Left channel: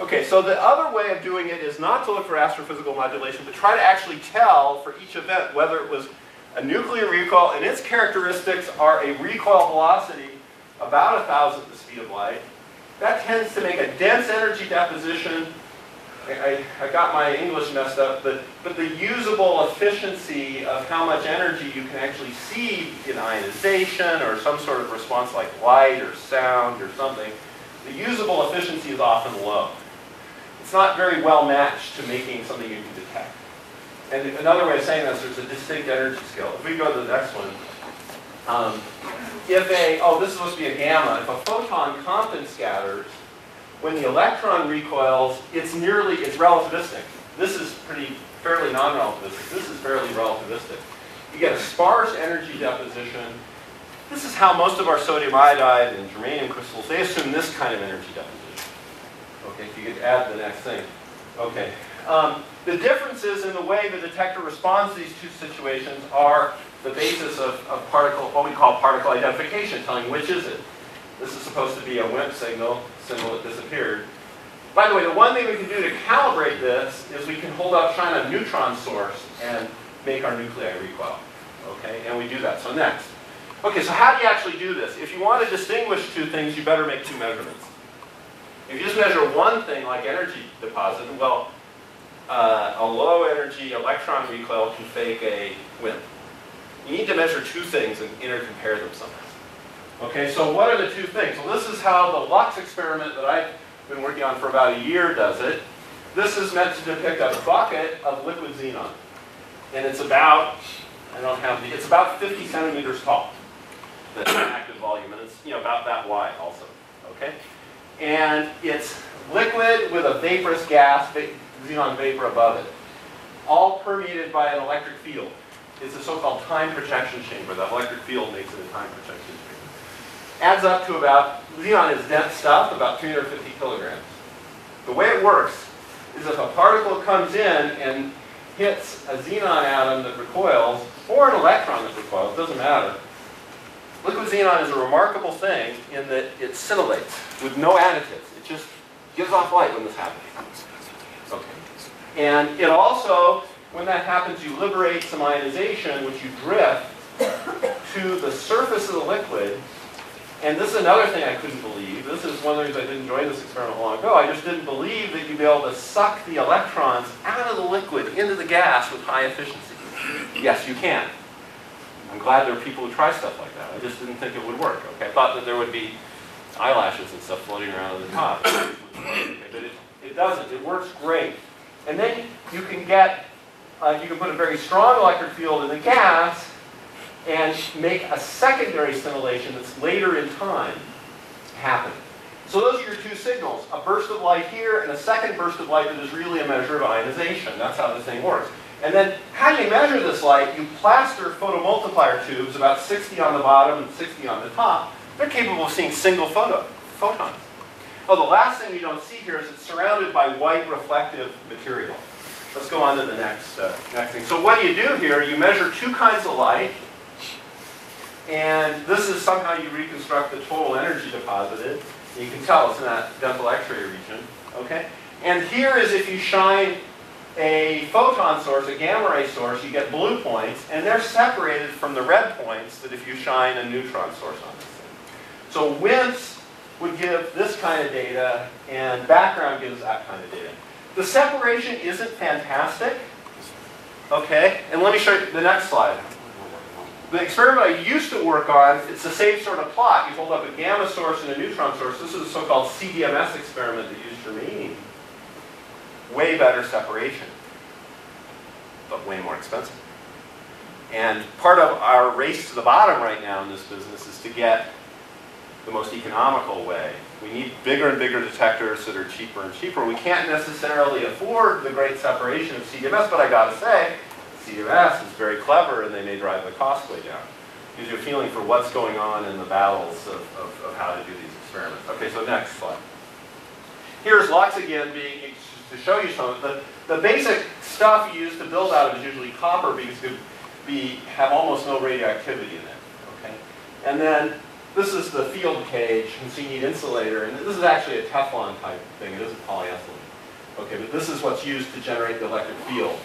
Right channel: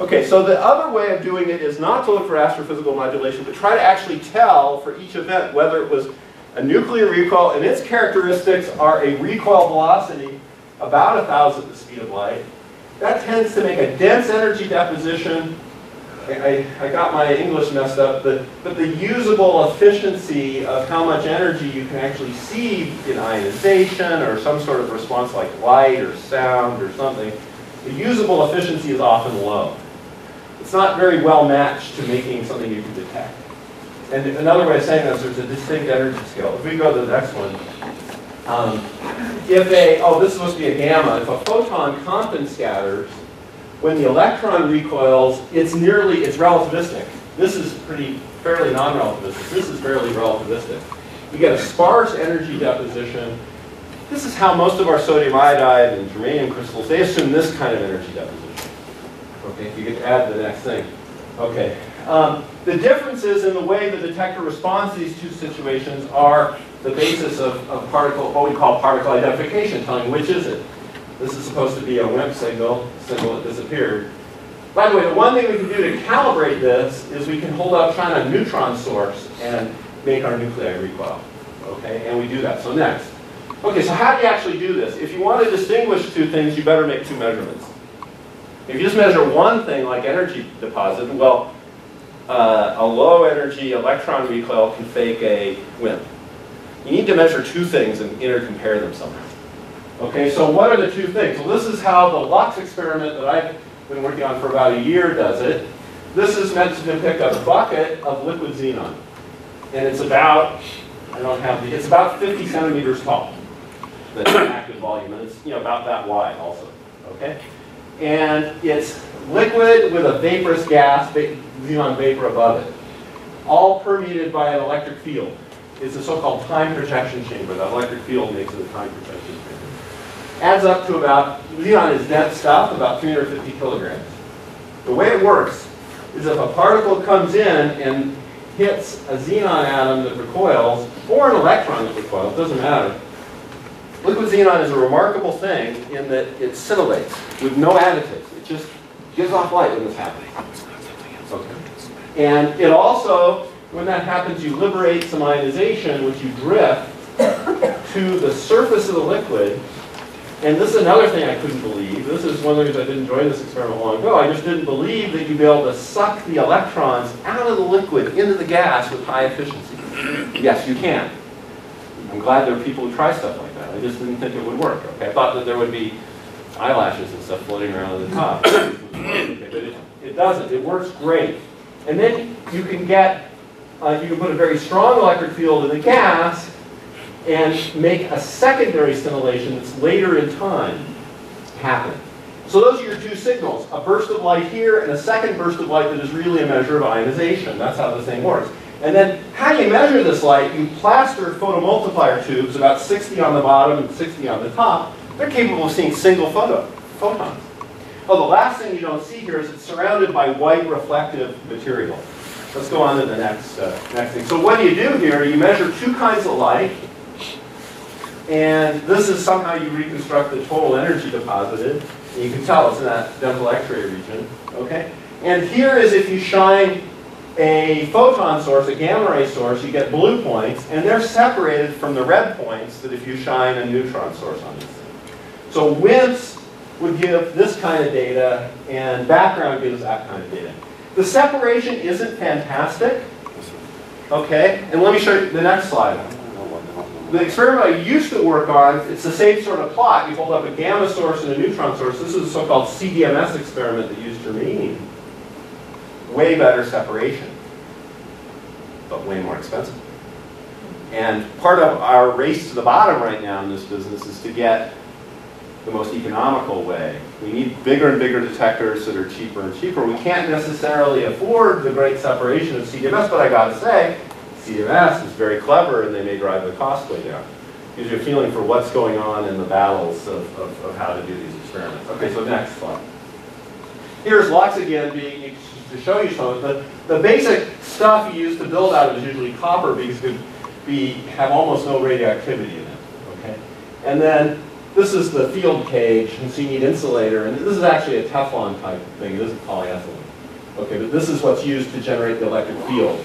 Okay, so the other way of doing it is not to look for astrophysical modulation, but try to actually tell for each event whether it was a nuclear recoil, and its characteristics are a recoil velocity about 1,000th the speed of light. That tends to make a dense energy deposition. I got my English messed up, but the usable efficiency of how much energy you can actually see in ionization or some sort of response like light or sound or something, the usable efficiency is often low. It's not very well matched to making something you can detect. And another way of saying this, there's a distinct energy scale. If we go to the next one, this is supposed to be a gamma. If a photon Compton scatters, when the electron recoils, it's relativistic. This is fairly non-relativistic. This is fairly relativistic. You get a sparse energy deposition. This is how most of our sodium iodide and germanium crystals, they assume this kind of energy deposition. Okay, if you get to add the next thing. Okay. The differences in the way the detector responds to these two situations are the basis of what we call particle identification, telling which is it. This is supposed to be a WIMP signal that disappeared. By the way, the one thing we can do to calibrate this is we can shine a neutron source and make our nuclei recoil. Okay, and we do that. So next. Okay, so how do you actually do this? If you want to distinguish two things, you better make two measurements. If you just measure one thing like energy deposit, well, a low energy electron recoil can fake a WIMP. You need to measure two things and intercompare them somehow. Okay, so what are the two things? Well, this is how the Lux experiment that I've been working on for about a year does it. This is meant to depict a bucket of liquid xenon. And it's about, it's about 50 centimeters tall. That's an active volume, and it's about that wide also. Okay? And it's liquid with a vaporous gas, xenon vapor above it, all permeated by an electric field. It's a so-called time projection chamber. That electric field makes it a time projection chamber. Adds up to xenon is dense stuff, about 350 kilograms. The way it works is if a particle comes in and hits a xenon atom that recoils, or an electron that recoils, doesn't matter. Liquid xenon is a remarkable thing in that it scintillates with no additives. It just gives off light when this happens. Okay. And it also, when that happens, you liberate some ionization, which you drift to the surface of the liquid. And this is another thing I couldn't believe. This is one of the reasons I didn't join this experiment long ago. I just didn't believe that you'd be able to suck the electrons out of the liquid into the gas with high efficiency. Yes, you can. I'm glad there are people who try stuff like that. I just didn't think it would work. Okay, I thought that there would be eyelashes and stuff floating around on the top. Okay, but it doesn't. It works great. And then you can put a very strong electric field in the gas and make a secondary scintillation that's later in time happen. So those are your two signals, a burst of light here and a second burst of light that is really a measure of ionization. That's how the thing works. And then how do you measure this light? You plaster photomultiplier tubes, about 60 on the bottom and 60 on the top. They're capable of seeing single photons. Oh, the last thing you don't see here is it's surrounded by white reflective material. Let's go on to the next thing. So what do you do here? You measure two kinds of light. And this is somehow you reconstruct the total energy deposited. You can tell it's in that dental X-ray region. Okay? And here is if you shine a photon source, a gamma ray source, you get blue points, and they're separated from the red points that if you shine a neutron source on this thing. So WIMPs would give this kind of data, and background gives that kind of data. The separation isn't fantastic. Okay? And let me show you the next slide. The experiment I used to work on, it's the same sort of plot. You hold up a gamma source and a neutron source. This is a so-called Cdms experiment that used germanium. Way better separation, but way more expensive. And part of our race to the bottom right now in this business is to get the most economical way. We need bigger and bigger detectors that are cheaper and cheaper. We can't necessarily afford the great separation of Cdms, but I gotta say, Cdms is very clever and they may drive the cost way down. Gives you a feeling for what's going on in the battles of how to do these experiments. Okay, so next slide. Here's Lux again to show you some of it. The basic stuff you use to build out is usually copper because it could have almost no radioactivity in it. Okay? And then this is the field cage, and so you need insulator, and this is actually a Teflon type thing. It isn't polyethylene. Okay, but this is what's used to generate the electric field.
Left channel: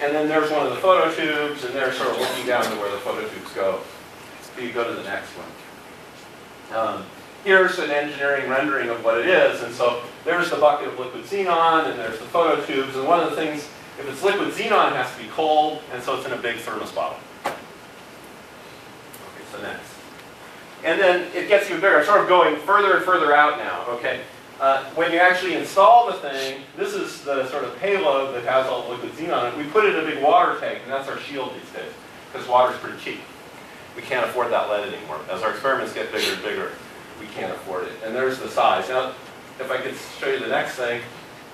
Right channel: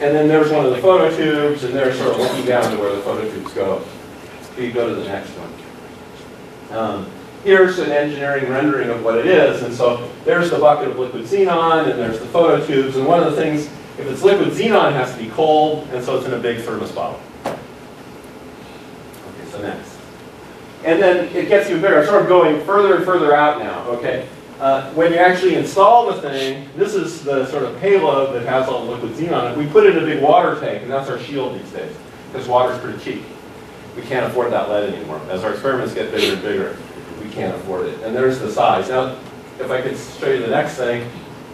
And then there's one of the phototubes, and they're sort of looking down to where the phototubes go. So you go to the next one. Here's an engineering rendering of what it is, and so there's the bucket of liquid xenon, and there's the phototubes, and one of the things, if it's liquid xenon, it has to be cold, and so it's in a big thermos bottle. Okay, so next. And then it gets even bigger. I'm sort of going further and further out now, okay? When you actually install the thing, this is the sort of payload that has all the liquid xenon in it. We put it in a big water tank, and that's our shield these days, because water's pretty cheap. We can't afford that lead anymore. As our experiments get bigger and bigger, we can't afford it. And there's the size. Now, if I could show you the next thing,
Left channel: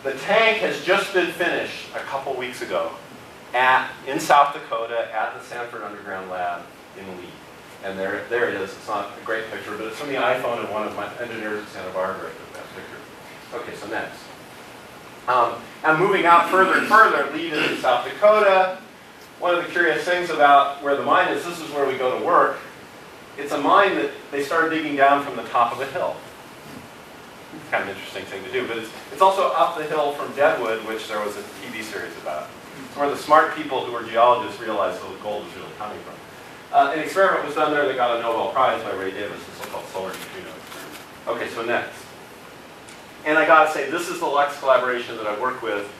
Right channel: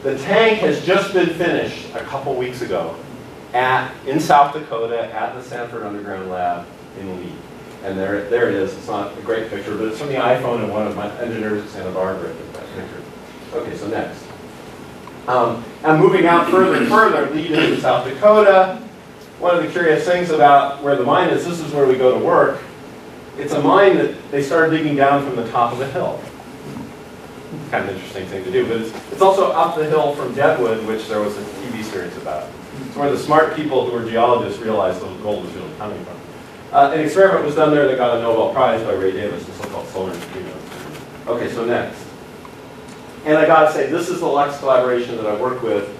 the tank has just been finished a couple weeks ago in South Dakota at the Sanford Underground Lab in Lee. And there it is. It's not a great picture, but it's from the iPhone, and one of my engineers at Santa Barbara took that picture. Okay, so next. I'm moving out further and further, Lee to South Dakota. One of the curious things about where the mine is, this is where we go to work. It's a mine that they started digging down from the top of a hill. It's kind of an interesting thing to do, but it's also up the hill from Deadwood, which there was a TV series about. It's where the smart people who were geologists realized the gold was really coming from. An experiment was done there that got a Nobel Prize by Ray Davis, the so-called solar neutrino experiment. Okay, so next. And I gotta say, this is the Lux collaboration that I work with,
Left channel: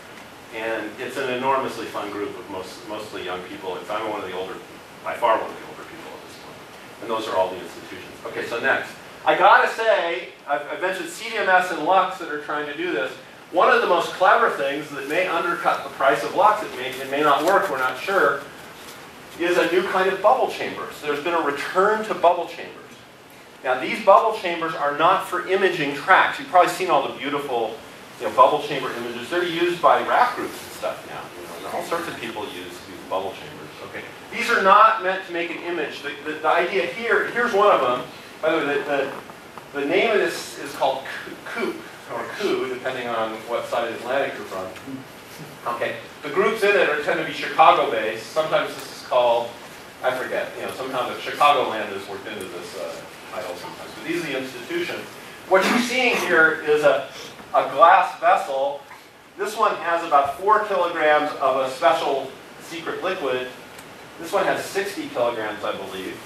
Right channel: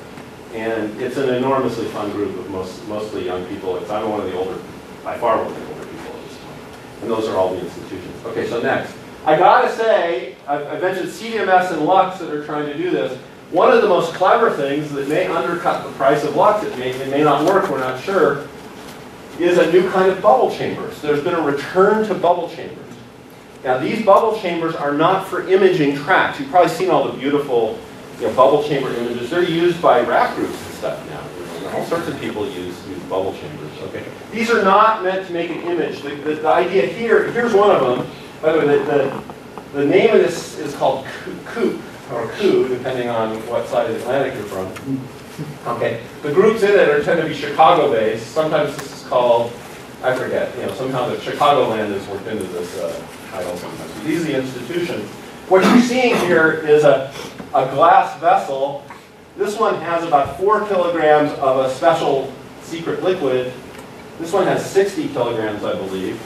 and it's an enormously fun group of mostly young people. I'm one of the older, by far one of the older people at this point. And those are all the institutions. Okay, so next. I gotta say, I've mentioned CDMS and Lux that are trying to do this. One of the most clever things that may undercut the price of Lux, it may not work, we're not sure, is a new kind of bubble chambers. There's been a return to bubble chambers. Now, these bubble chambers are not for imaging tracks. You've probably seen all the beautiful bubble chamber images. They're used by rap groups and stuff now. All sorts of people use bubble chambers. Okay. These are not meant to make an image. The idea here, here's one of them. By the way, the name of this is called COOP, or COO, depending on what side of the Atlantic you're from. Okay. The groups in it tend to be Chicago-based. Sometimes this is called, I forget, somehow the Chicagoland is worked into this title sometimes. But these are the institutions. What you're seeing here is a glass vessel. This one has about 4 kilograms of a special secret liquid. This one has 60 kilograms, I believe.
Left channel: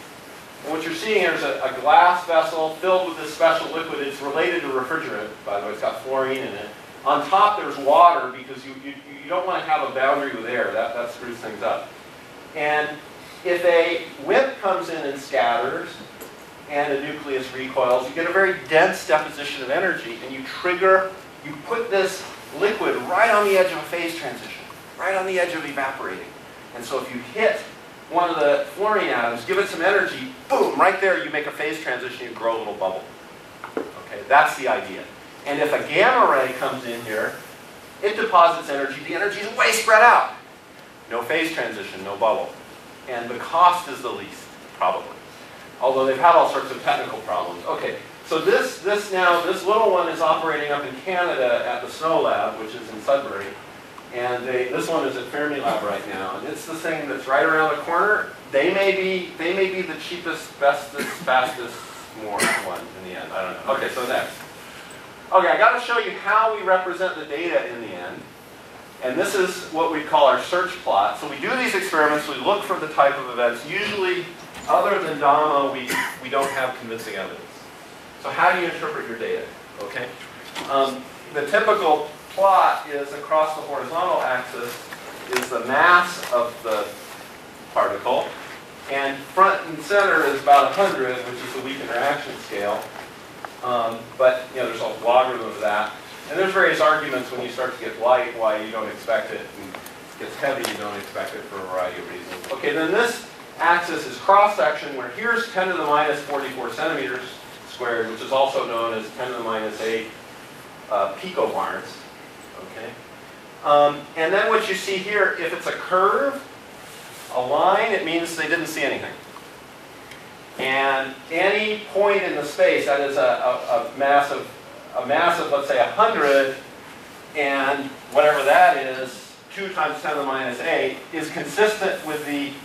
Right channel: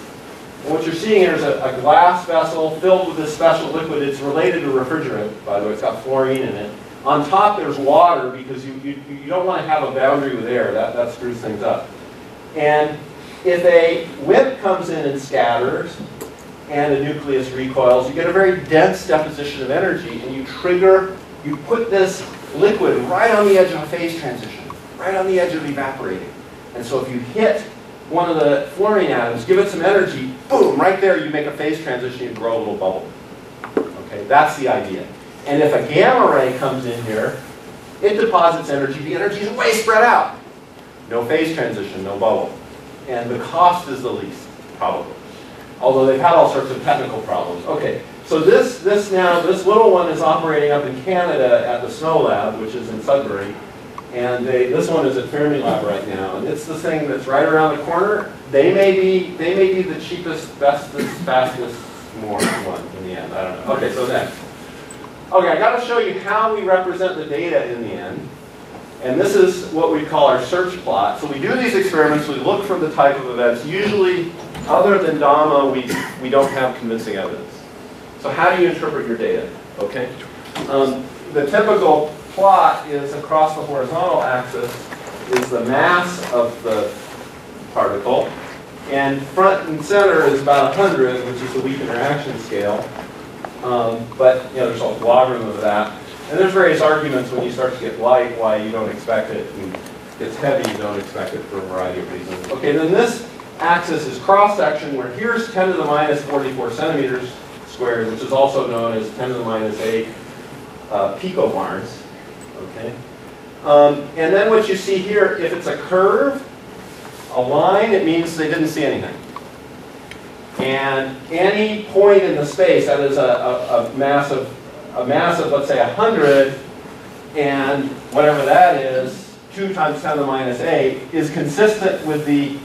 And what you're seeing here is a glass vessel filled with this special liquid. It's related to refrigerant, by the way. It's got fluorine in it. On top there's water, because you don't want to have a boundary with air. That screws things up. And if a WIMP comes in and scatters, and a nucleus recoils, you get a very dense deposition of energy, and you put this liquid right on the edge of a phase transition, right on the edge of evaporating. And so if you hit one of the fluorine atoms, give it some energy, boom, right there you make a phase transition, you grow a little bubble. Okay, that's the idea. And if a gamma ray comes in here, it deposits energy. The energy is way spread out. No phase transition, no bubble. And the cost is the least, probably. Although they've had all sorts of technical problems. Okay, so this little one is operating up in Canada at the Snow Lab, which is in Sudbury. And this one is at Fermilab right now. And it's the thing that's right around the corner. They may be the cheapest, bestest, fastest, more one in the end. I don't know. Okay, so next. Okay, I got to show you how we represent the data in the end. And this is what we call our search plot. So we do these experiments, we look for the type of events. Usually, other than DAMA, we don't have convincing evidence. So how do you interpret your data? Okay. The typical plot is across the horizontal axis is the mass of the particle. And front and center is about 100, which is the weak interaction scale. But there's a logarithm of that. And there's various arguments when you start to get light why you don't expect it. And it gets heavy, you don't expect it for a variety of reasons. Okay, then this axis is cross-section, where here's 10 to the minus 44 centimeters squared, which is also known as 10 to the minus 8 picobarns. Okay? And then what you see here, if it's a curve, a line, it means they didn't see anything. And any point in the space, that is a mass of, let's say, 100, and whatever that is, 2 times 10 to the minus 8, is consistent with the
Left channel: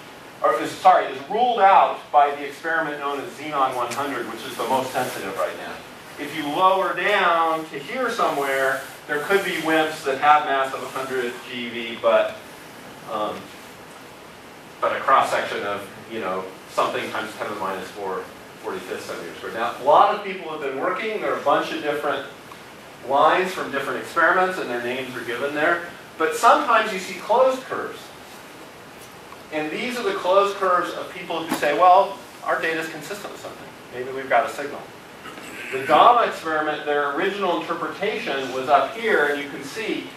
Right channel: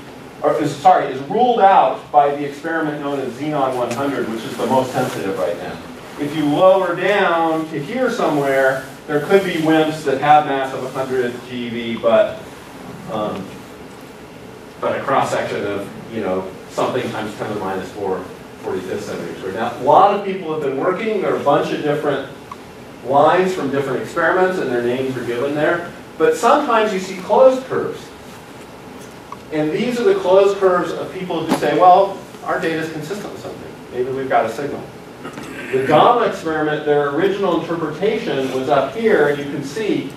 is ruled out by the experiment known as Xenon 100, which is the most sensitive right now. If you lower down to here somewhere, there could be WIMPs that have mass of 100 GeV, but a cross-section of, something times 10 to the minus 45th centimeters squared. Now, a lot of people have been working. There are a bunch of different lines from different experiments, and their names are given there. But sometimes you see closed curves. And these are the closed curves of people who say, well, our data is consistent with something. Maybe we've got a signal. The gamma experiment, their original interpretation was up here, and you can see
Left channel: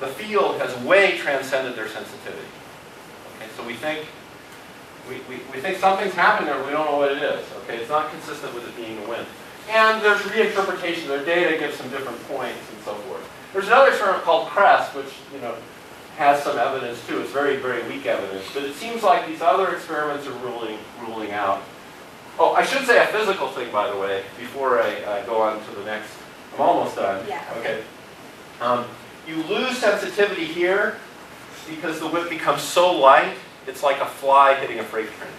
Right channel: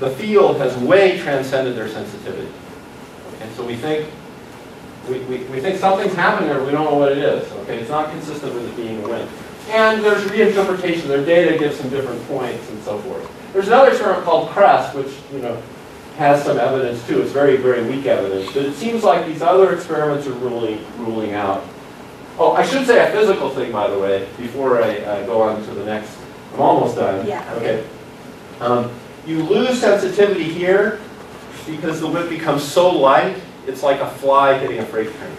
the field has way transcended their sensitivity. Okay, so we think something's happening there, but we don't know what it is. Okay, it's not consistent with it being a WIMP. And there's reinterpretation. Their data gives some different points and so forth. There's another experiment called CREST, which has some evidence too. It's very, very weak evidence, but it seems like these other experiments are ruling out. Oh, I should say a physical thing, by the way, before I go on to the next. I'm almost done. Yeah. Okay. You lose sensitivity here because the WIMP becomes so light, it's like a fly hitting a freight train.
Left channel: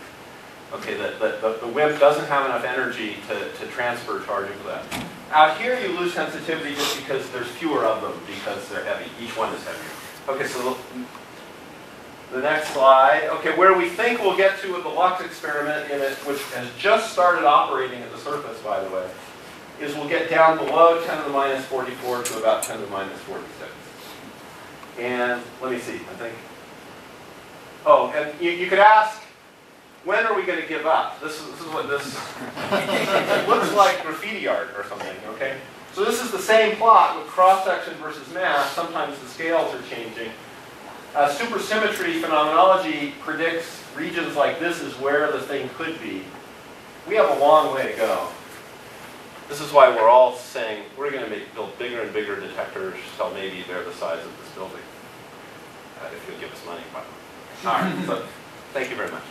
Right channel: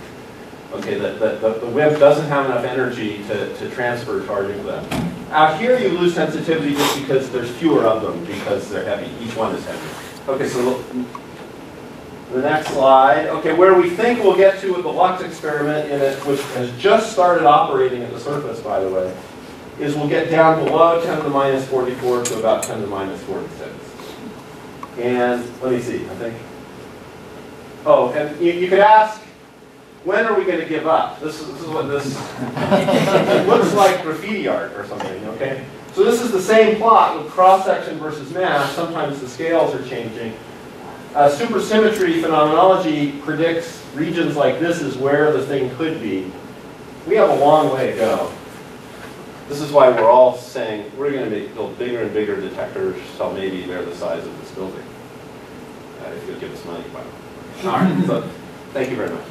Okay, the WIMP doesn't have enough energy to transfer charge into that. Out here, you lose sensitivity just because there's fewer of them because they're heavy. Each one is heavy. Okay, so the next slide. Okay, where we think we'll get to with the Lux experiment, which has just started operating at the surface, by the way, is we'll get down below 10 to the minus 44 to about 10 to the minus 46. And let me see, I think. Oh, and you could ask, when are we going to give up? This is what this it looks like graffiti art or something, okay? So this is the same plot with cross-section versus mass. Sometimes the scales are changing. Supersymmetry phenomenology predicts regions like this is where the thing could be. We have a long way to go. This is why we're all saying we're going to build bigger and bigger detectors till maybe they're the size of this building. If you'll give us money, by the way. All right, so thank you very much.